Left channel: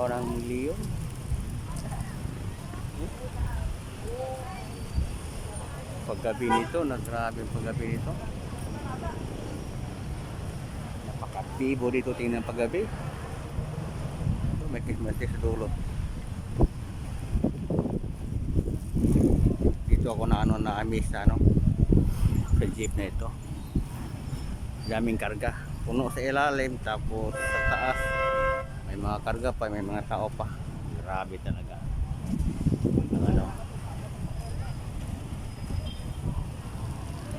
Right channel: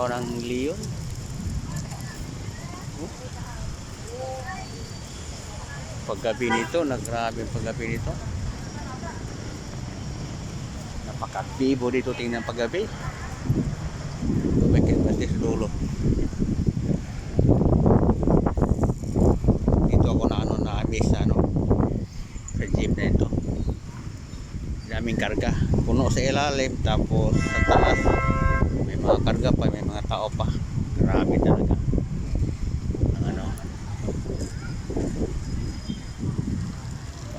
Orang Leon. Paggabi nito, nagrabe paggabi nito. Napaka-bibo dito tingnan paggabi. Tumikit basta sa dulo. Dito ako na miss sa jeep na ito. Daming karga. Puno sa ilalim, tapos sa taas may mga karga pa, may mga tao pa. Grabe talaga.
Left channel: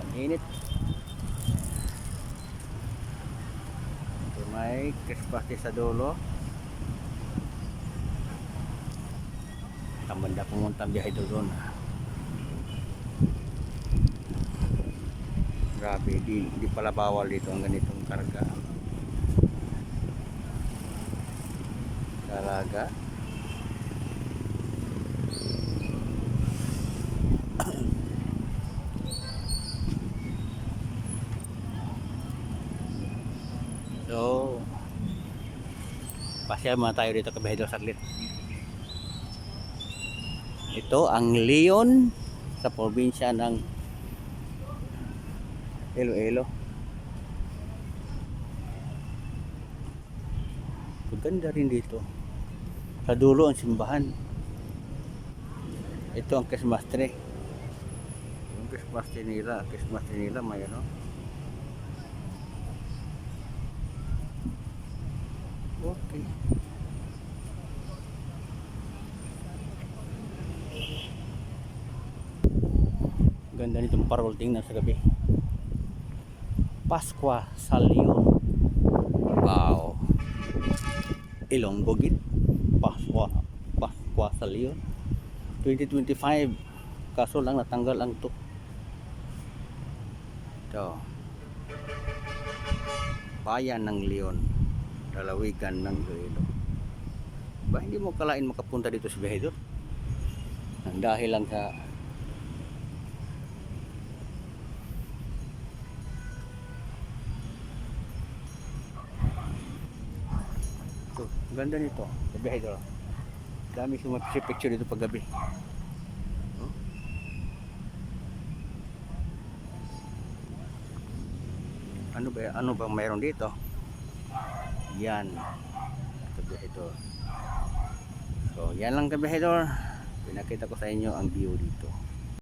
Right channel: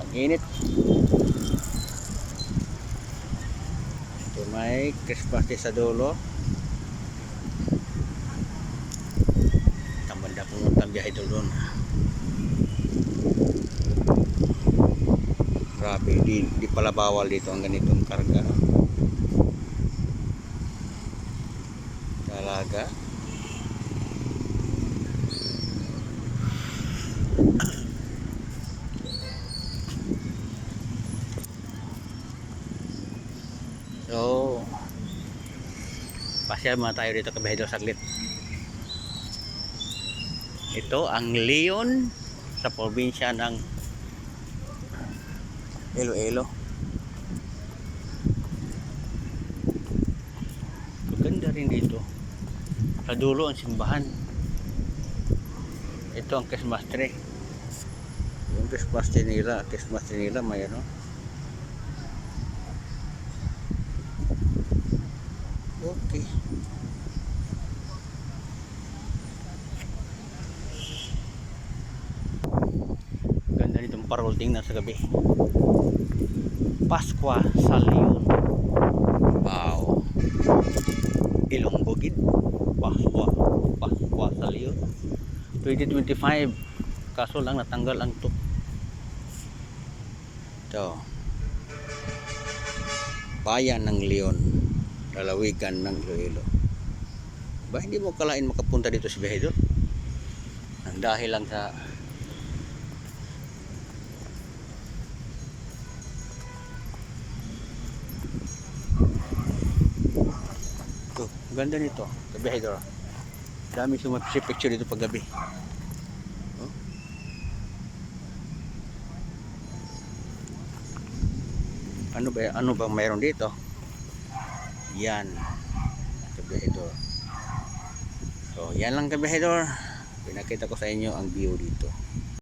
Ang init. Ito may Christmas tree sa dulo. Tambanda pumunta ang biyahe doon. Grabe, di pala bawal dito ang ganitong karga. Talaga. So, pasyal muna tayo dito kabahidol saglit. Ito ang Leon sa probinsya ng Iloilo. Maganda rin dito. Sa dulo ang simbahan. Ito ang Christmas tree. Yung Christmas tree nila may Okay. Ganda nitong parol, tingnan sa gabi. Paskwa sa Leon. Wow. Ilonggo gid. Paskwa sa Leon. 2025. Kaso lang natanggal ang to. Ito. Bayan ng Leon. Lalawigan ng Iloilo. Ba hindi mo kalain makapunta dito si Behedor? Dahil lang sa ito, ganda nito sa Behedor. Dami sumapicture dito pag gabi. Oh? Ano bang mayroon dito? Yan kabihedor. So yan lang kabihedor, pinakita ko sa inyo ang view dito.